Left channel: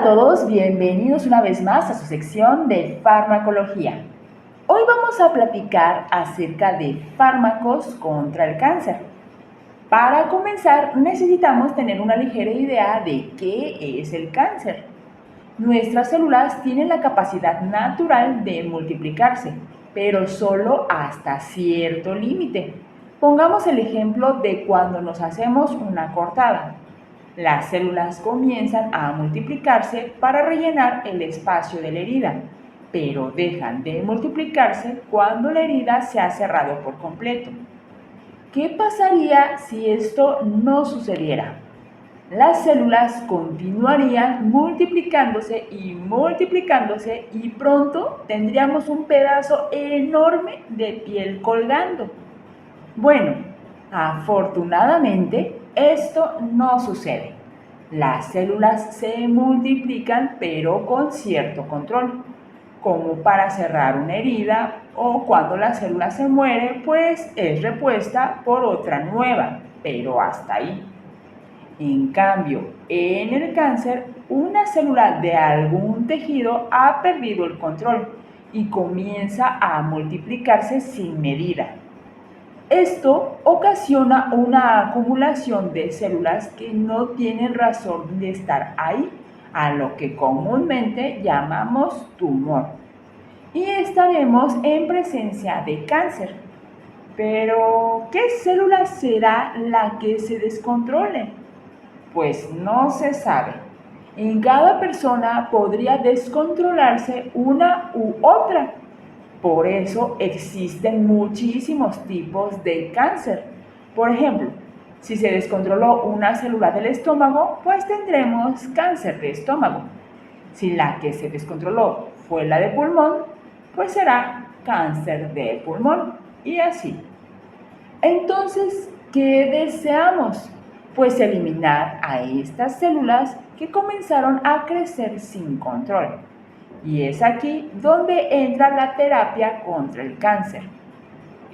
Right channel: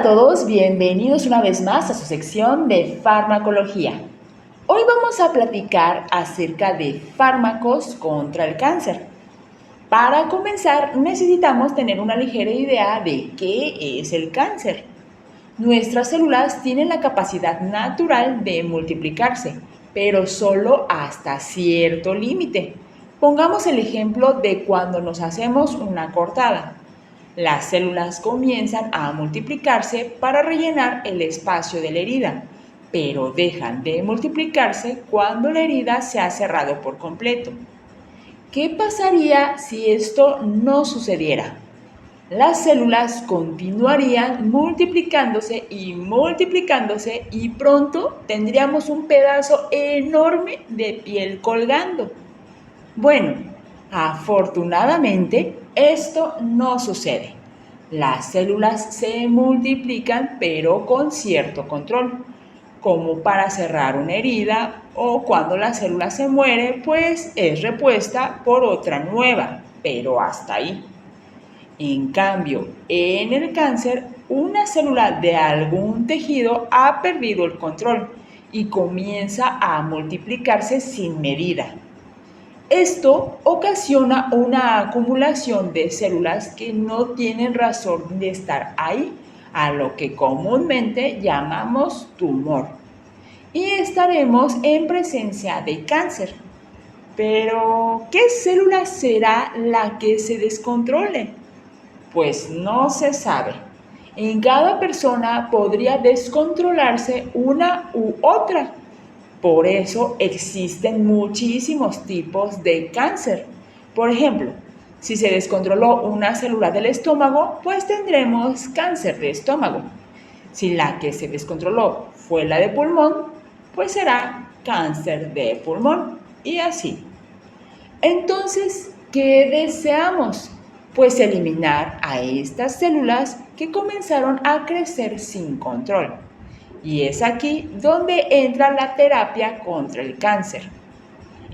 Hola a todos, bienvenidos una vez más a su sección de farmacología. Hoy vamos a platicar acerca de fármacos contra el cáncer. Para comenzar, necesitamos tener una ligera idea de qué es el cáncer. Nuestras células tienen la capacidad natural de multiplicarse, pero solo hasta cierto límite. Pongamos el ejemplo de cuando nos hacemos una cortada. Las células comienzan a multiplicarse para rellenar el espacio de la herida, pero dejan de multiplicarse cuando la herida se ha cerrado por completo. ¿Qué pasaría si esto no sucediera? Las células continuarían multiplicándose y pronto tendríamos un pedazo enorme de piel colgando. Bueno, afortunadamente esto no sucede. Las células se multiplican pero con cierto control, como para cerrar una herida o cuando la célula se muere, pues es repuesta por otra nueva, pero hasta ahí. En cambio, en el cáncer, una célula de algún tejido ha perdido el control y comienza a multiplicarse sin medida. Esto ocasiona una acumulación de células que no tienen razón de estar ahí, a lo que comúnmente llamamos tumor. Y estaremos en presencia de cáncer. Pero, ¿qué célula será la que se descontrole? Pues no se sabe. En cada persona podría descontrolarse una u otra. Por eso existen muchísimos tipos de cáncer. Por ejemplo, si se descontroló una célula del estómago, pues tendremos cáncer de estómago. Si la que se descontroló fue la de pulmón, pues será cáncer de pulmón y así. Entonces, ¿qué deseamos? Pues eliminar a estas células que comenzaron a crecer sin control. Y es aquí donde entra la terapia contra el cáncer.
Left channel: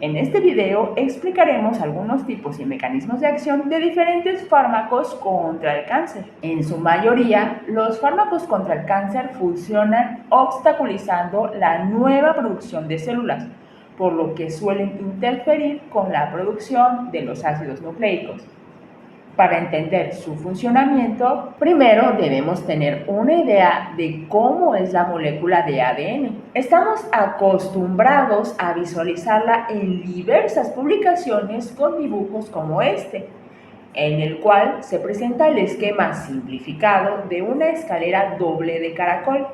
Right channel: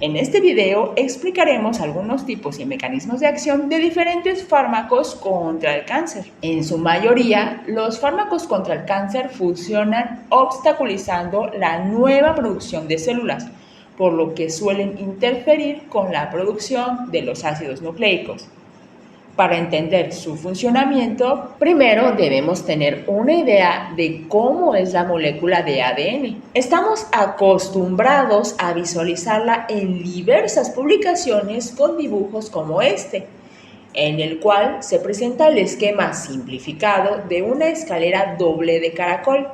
En este video explicaremos algunos tipos y mecanismos de acción de diferentes fármacos contra el cáncer. En su mayoría, los fármacos contra el cáncer funcionan obstaculizando la nueva producción de células, por lo que suelen interferir con la producción de los ácidos nucleicos. Para entender su funcionamiento, primero debemos tener una idea de cómo es la molécula de ADN. Estamos acostumbrados a visualizarla en diversas publicaciones con dibujos como este, en el cual se presenta el esquema simplificado de una escalera doble de caracol.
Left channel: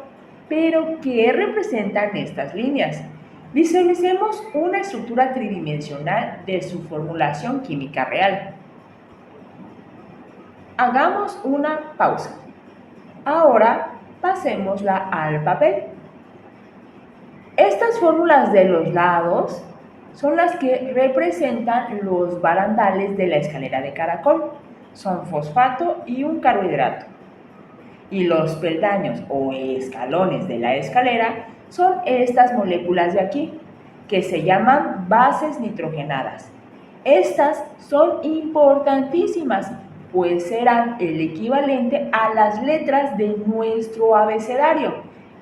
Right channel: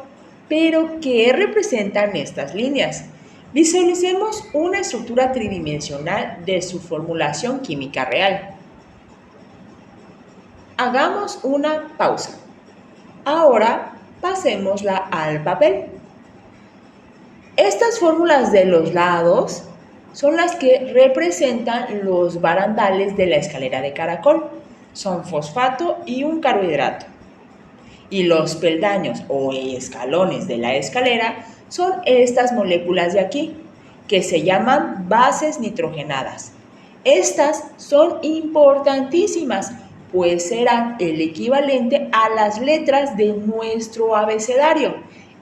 Pero, ¿qué representan estas líneas? Visualicemos una estructura tridimensional de su formulación química real. Hagamos una pausa. Ahora pasémosla al papel. Estas fórmulas de los lados son las que representan los barandales de la escalera de caracol. Son fosfato y un carbohidrato. Y los peldaños o escalones de la escalera son estas moléculas de aquí, que se llaman bases nitrogenadas. Estas son importantísimas, pues serán el equivalente a las letras de nuestro abecedario,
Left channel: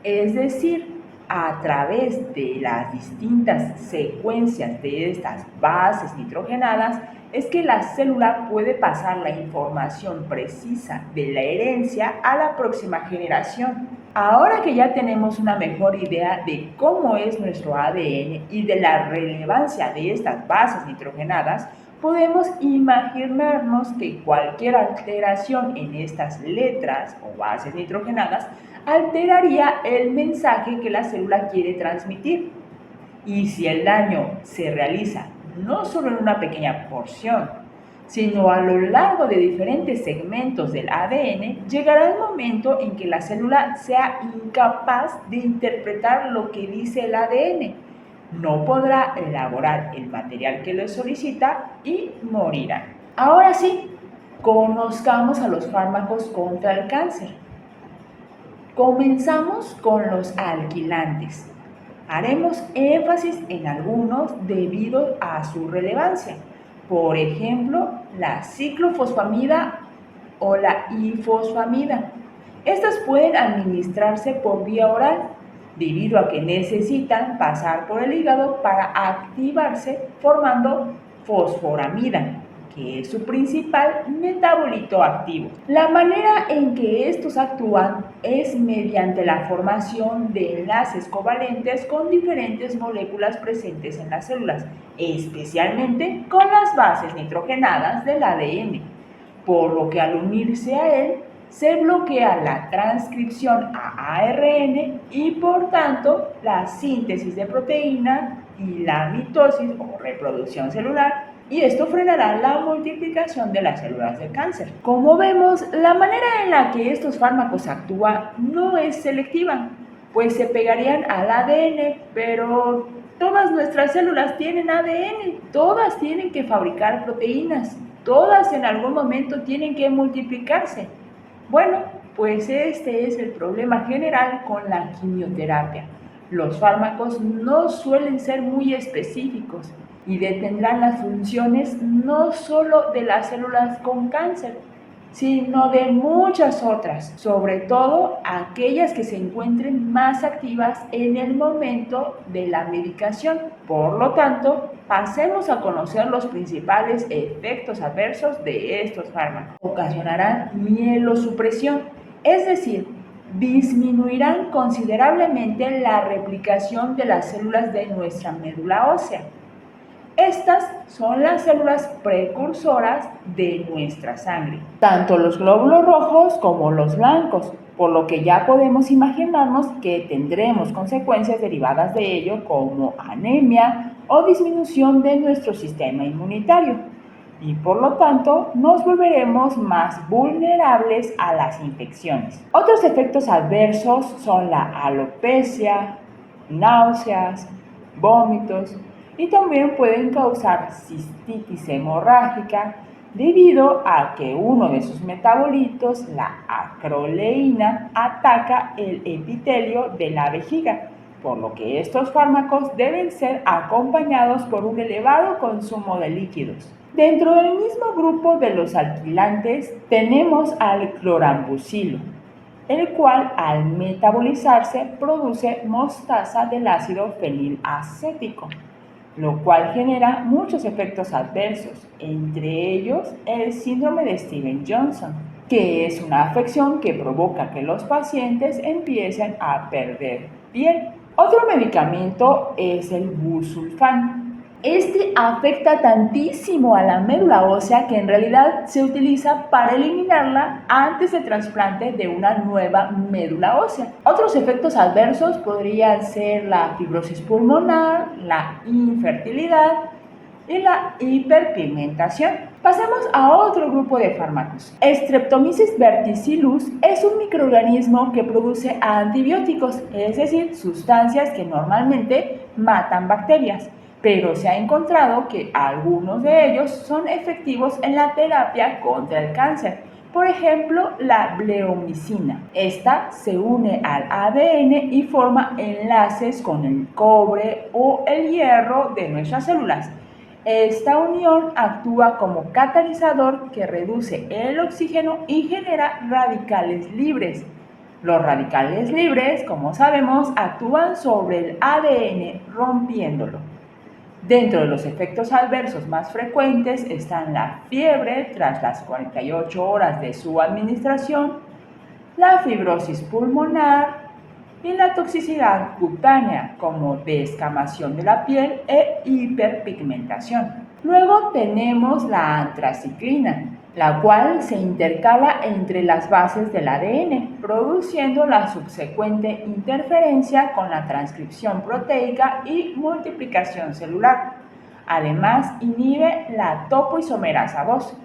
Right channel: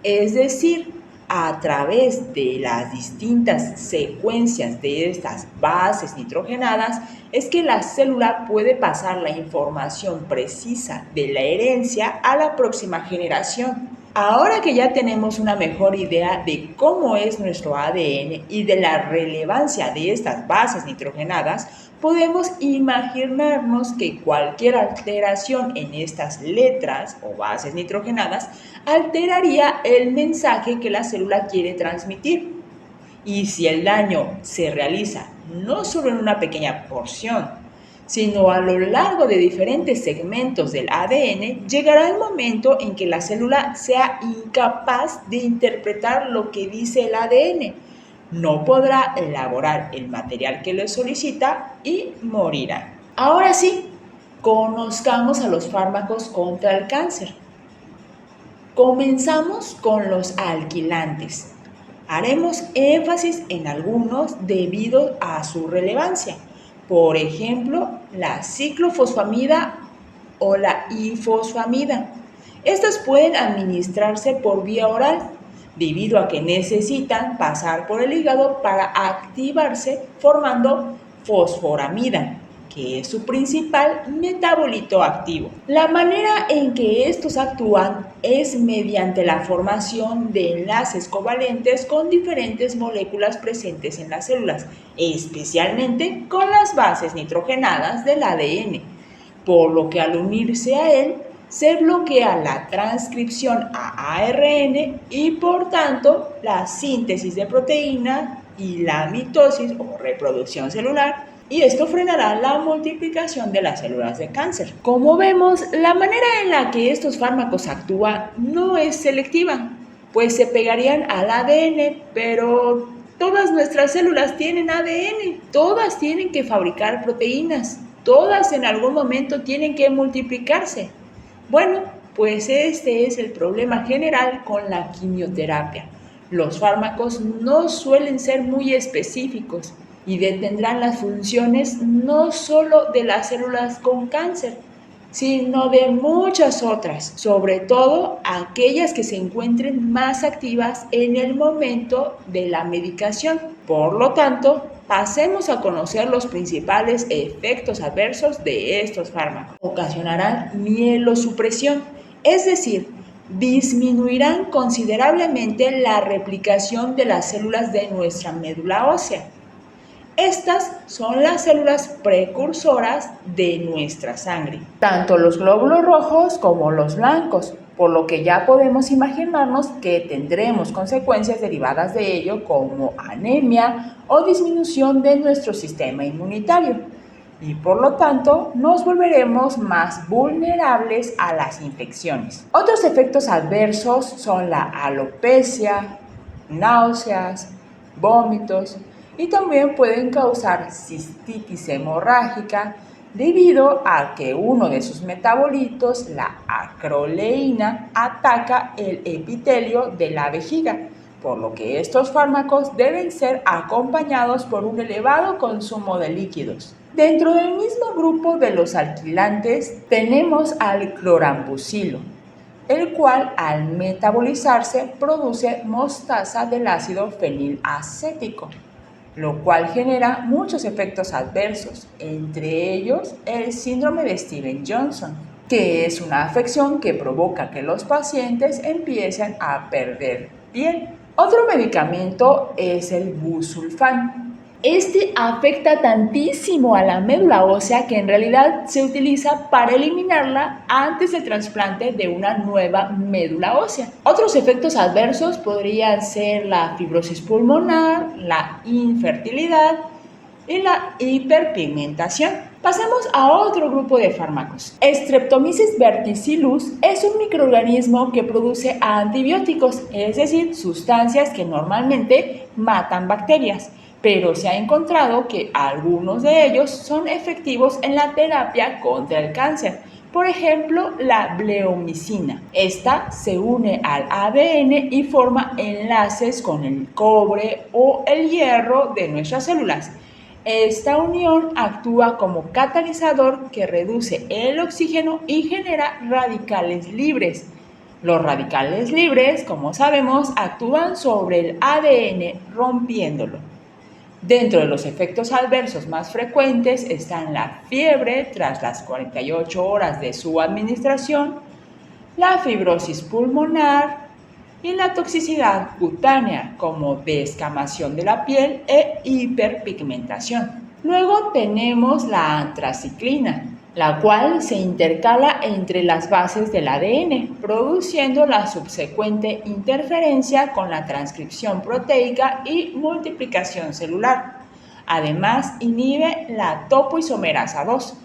es decir, a través de las distintas secuencias de estas bases nitrogenadas es que la célula puede pasar la información precisa de la herencia a la próxima generación. Ahora que ya tenemos una mejor idea de cómo es nuestro ADN y de la relevancia de estas bases nitrogenadas, podemos imaginarnos que cualquier alteración en estas letras o bases nitrogenadas alteraría el mensaje que la célula quiere transmitir. Y si el daño se realiza no solo en una pequeña porción, sino a lo largo de diferentes segmentos del ADN, llegará el momento en que la célula sea incapaz de interpretar lo que dice el ADN. No podrá elaborar el material que le solicita y morirá. Ahora sí, conozcamos a los fármacos contra el cáncer. Comenzamos con los alquilantes. Haremos énfasis en algunos debido a su relevancia. Por ejemplo, la ciclofosfamida o la ifosfamida. Estas pueden administrarse por vía oral, debido a que necesitan pasar por el hígado para activarse formando fosforamida, que es su principal metabolito activo. La manera en que estos actúan es mediante la formación de enlaces covalentes con diferentes moléculas presentes en las células, especialmente con las bases nitrogenadas del ADN, por lo que al unirse a él, se bloquea la transcripción a ARN y por tanto la síntesis de proteína y la mitosis o reproducción celular, y esto frenará la multiplicación de las células de cáncer. Como vemos, la manera en la que estos fármacos actúan no es selectiva, pues se pegarían al ADN, pero todas nuestras células tienen ADN, todas tienen que fabricar proteínas, todas en algún momento tienen que multiplicarse. Bueno, pues este es el problema general con la quimioterapia. Los fármacos no suelen ser muy específicos y detendrán las funciones no solo de las células con cáncer, sino de muchas otras, sobre todo aquellas que se encuentren más activas en el momento de la medicación. Por lo tanto, pasemos a conocer los principales efectos adversos de estos fármacos. Ocasionarán mielosupresión, es decir, disminuirán considerablemente la replicación de las células de nuestra médula ósea. Estas son las células precursoras de nuestra sangre, tanto los glóbulos rojos como los blancos, por lo que ya podemos imaginarnos que tendremos consecuencias derivadas de ello como anemia o disminución de nuestro sistema inmunitario, y por lo tanto nos volveremos más vulnerables a las infecciones. Otros efectos adversos son la alopecia, náuseas, vómitos, y también pueden causar cistitis hemorrágica debido a que uno de sus metabolitos, la acroleína, ataca el epitelio de la vejiga, por lo que estos fármacos deben ser acompañados por un elevado consumo de líquidos. Dentro del mismo grupo de los alquilantes tenemos al clorambucilo, el cual al metabolizarse produce mostaza del ácido fenilacético, lo cual genera muchos efectos adversos, entre ellos el síndrome de Stevens-Johnson, que es una afección que provoca que los pacientes empiecen a perder piel. Otro medicamento es el busulfán. Este afecta tantísimo a la médula ósea que en realidad se utiliza para eliminarla antes del trasplante de una nueva médula ósea. Otros efectos adversos podrían ser la fibrosis pulmonar, la infertilidad y la hiperpigmentación. Pasemos a otro grupo de fármacos. Streptomyces verticillus es un microorganismo que produce antibióticos, es decir, sustancias que normalmente matan bacterias, pero se ha encontrado que algunos de ellos son efectivos en la terapia contra el cáncer. Por ejemplo, la bleomicina. Esta se une al ADN y forma enlaces con el cobre o el hierro de nuestras células. Esta unión actúa como catalizador que reduce el oxígeno y genera radicales libres. Los radicales libres, como sabemos, actúan sobre el ADN rompiéndolo. Dentro de los efectos adversos más frecuentes están la fiebre tras las 48 horas de su administración, la fibrosis pulmonar y la toxicidad cutánea como descamación de la piel e hiperpigmentación. Luego tenemos la antraciclina, la cual se intercala entre las bases del ADN, produciendo la subsecuente interferencia con la transcripción proteica y multiplicación celular. Además, inhibe la topoisomerasa 2.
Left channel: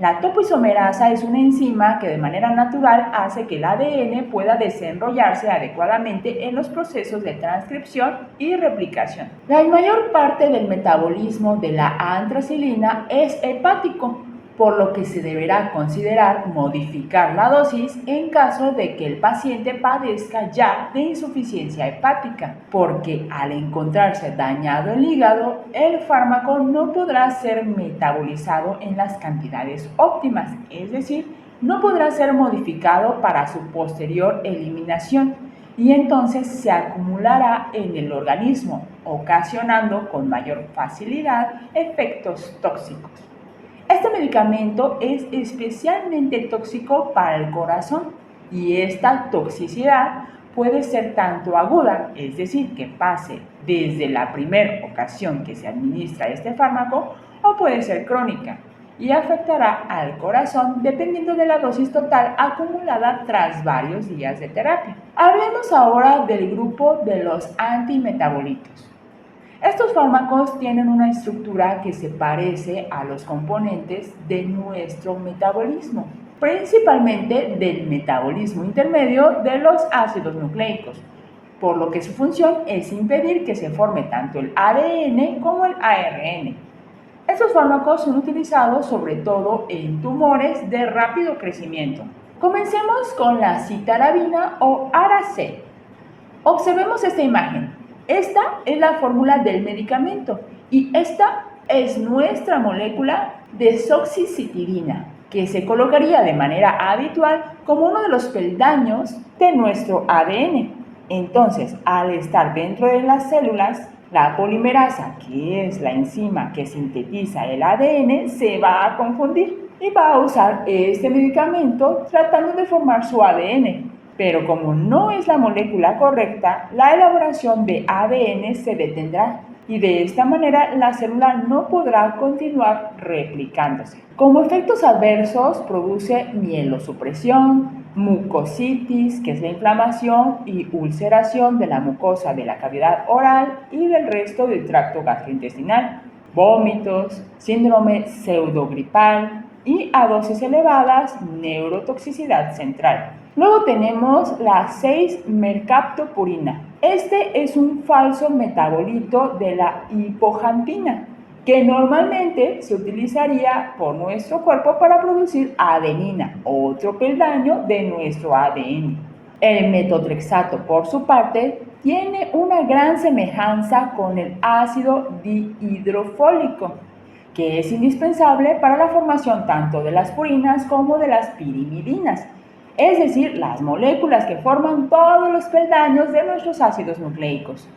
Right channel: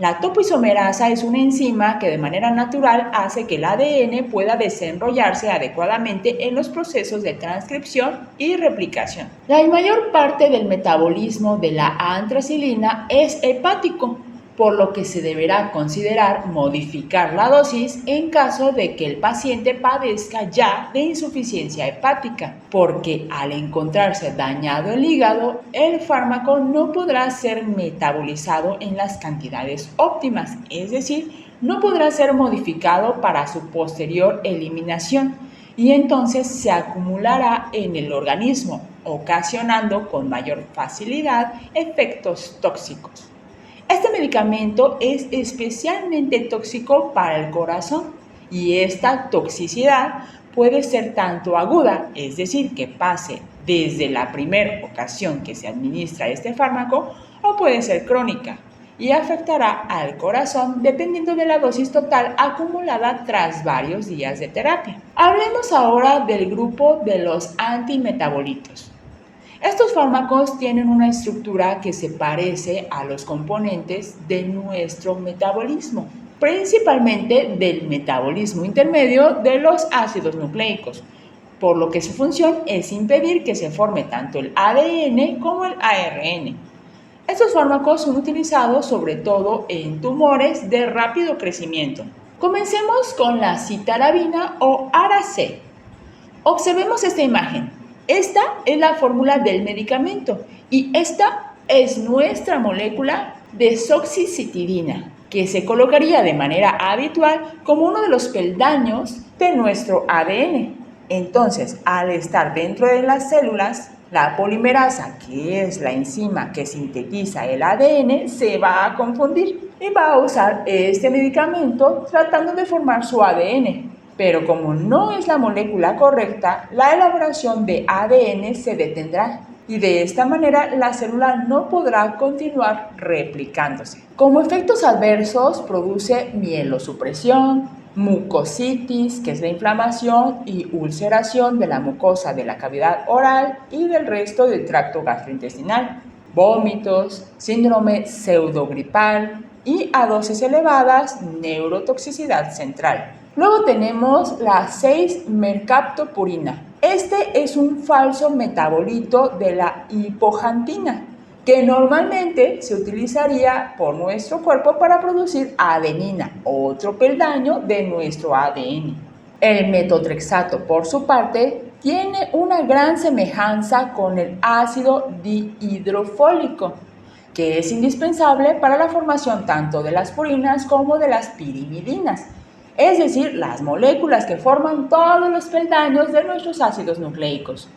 La topoisomerasa es una enzima que de manera natural hace que el ADN pueda desenrollarse adecuadamente en los procesos de transcripción y replicación. La mayor parte del metabolismo de la antraciclina es hepático, por lo que se deberá considerar modificar la dosis en caso de que el paciente padezca ya de insuficiencia hepática, porque al encontrarse dañado el hígado, el fármaco no podrá ser metabolizado en las cantidades óptimas, es decir, no podrá ser modificado para su posterior eliminación y entonces se acumulará en el organismo, ocasionando con mayor facilidad efectos tóxicos. Este medicamento es especialmente tóxico para el corazón y esta toxicidad puede ser tanto aguda, es decir, que pase desde la primera ocasión que se administra este fármaco, o puede ser crónica y afectará al corazón dependiendo de la dosis total acumulada tras varios días de terapia. Hablemos ahora del grupo de los antimetabolitos. Estos fármacos tienen una estructura que se parece a los componentes de nuestro metabolismo, principalmente del metabolismo intermedio de los ácidos nucleicos, por lo que su función es impedir que se forme tanto el ADN como el ARN. Estos fármacos son utilizados sobre todo en tumores de rápido crecimiento. Comencemos con la citarabina o ARA-C. Observemos esta imagen. Esta es la fórmula del medicamento y esta es nuestra molécula desoxicitidina, que se colocaría de manera habitual como uno de los peldaños de nuestro ADN. Entonces, al estar dentro de las células, la polimerasa, que es la enzima que sintetiza el ADN, se va a confundir y va a usar este medicamento tratando de formar su ADN. Pero como no es la molécula correcta, la elaboración de ADN se detendrá y de esta manera la célula no podrá continuar replicándose. Como efectos adversos produce mielosupresión, mucositis, que es la inflamación y ulceración de la mucosa de la cavidad oral y del resto del tracto gastrointestinal, vómitos, síndrome pseudogripal y a dosis elevadas neurotoxicidad central. Luego tenemos la 6-mercaptopurina. Este es un falso metabolito de la hipoxantina, que normalmente se utilizaría por nuestro cuerpo para producir adenina, otro peldaño de nuestro ADN. El metotrexato, por su parte, tiene una gran semejanza con el ácido dihidrofólico, que es indispensable para la formación tanto de las purinas como de las pirimidinas, es decir, las moléculas que forman todos los peldaños de nuestros ácidos nucleicos.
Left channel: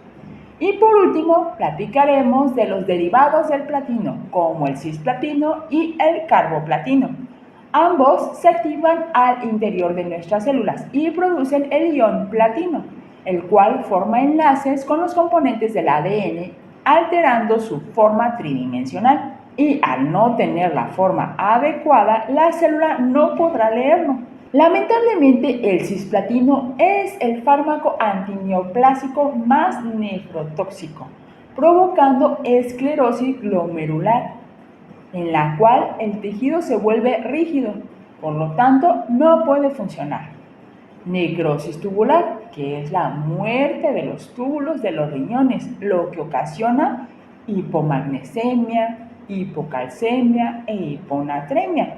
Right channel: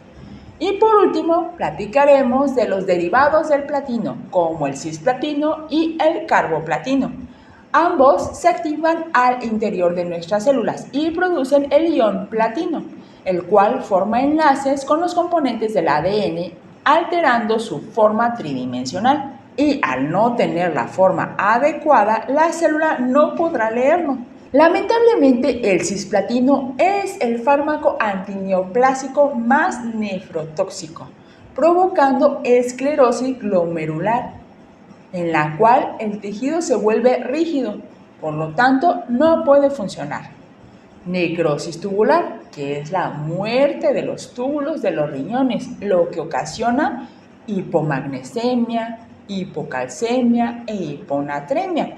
Y por último, platicaremos de los derivados del platino, como el cisplatino y el carboplatino. Ambos se activan al interior de nuestras células y producen el ion platino, el cual forma enlaces con los componentes del ADN, alterando su forma tridimensional. Y al no tener la forma adecuada, la célula no podrá leerlo. Lamentablemente, el cisplatino es el fármaco antineoplásico más nefrotóxico, provocando esclerosis glomerular, en la cual el tejido se vuelve rígido, por lo tanto no puede funcionar. Necrosis tubular, que es la muerte de los túbulos de los riñones, lo que ocasiona hipomagnesemia, hipocalcemia e hiponatremia.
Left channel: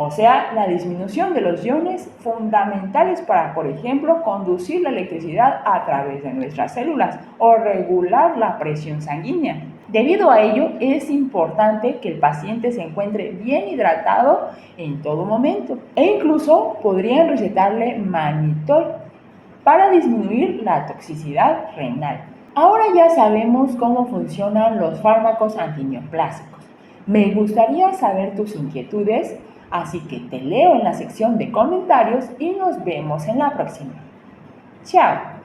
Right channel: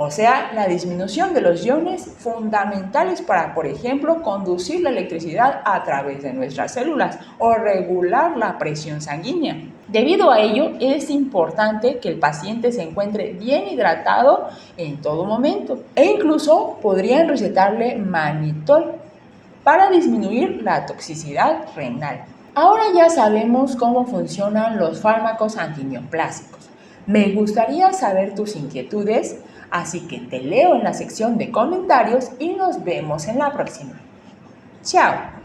O sea, la disminución de los iones fundamentales para, por ejemplo, conducir la electricidad a través de nuestras células o regular la presión sanguínea. Debido a ello, es importante que el paciente se encuentre bien hidratado en todo momento e incluso podrían recetarle mannitol para disminuir la toxicidad renal. Ahora ya sabemos cómo funcionan los fármacos antineoplásicos. Me gustaría saber tus inquietudes, así que te leo en la sección de comentarios y nos vemos en la próxima. ¡Chao!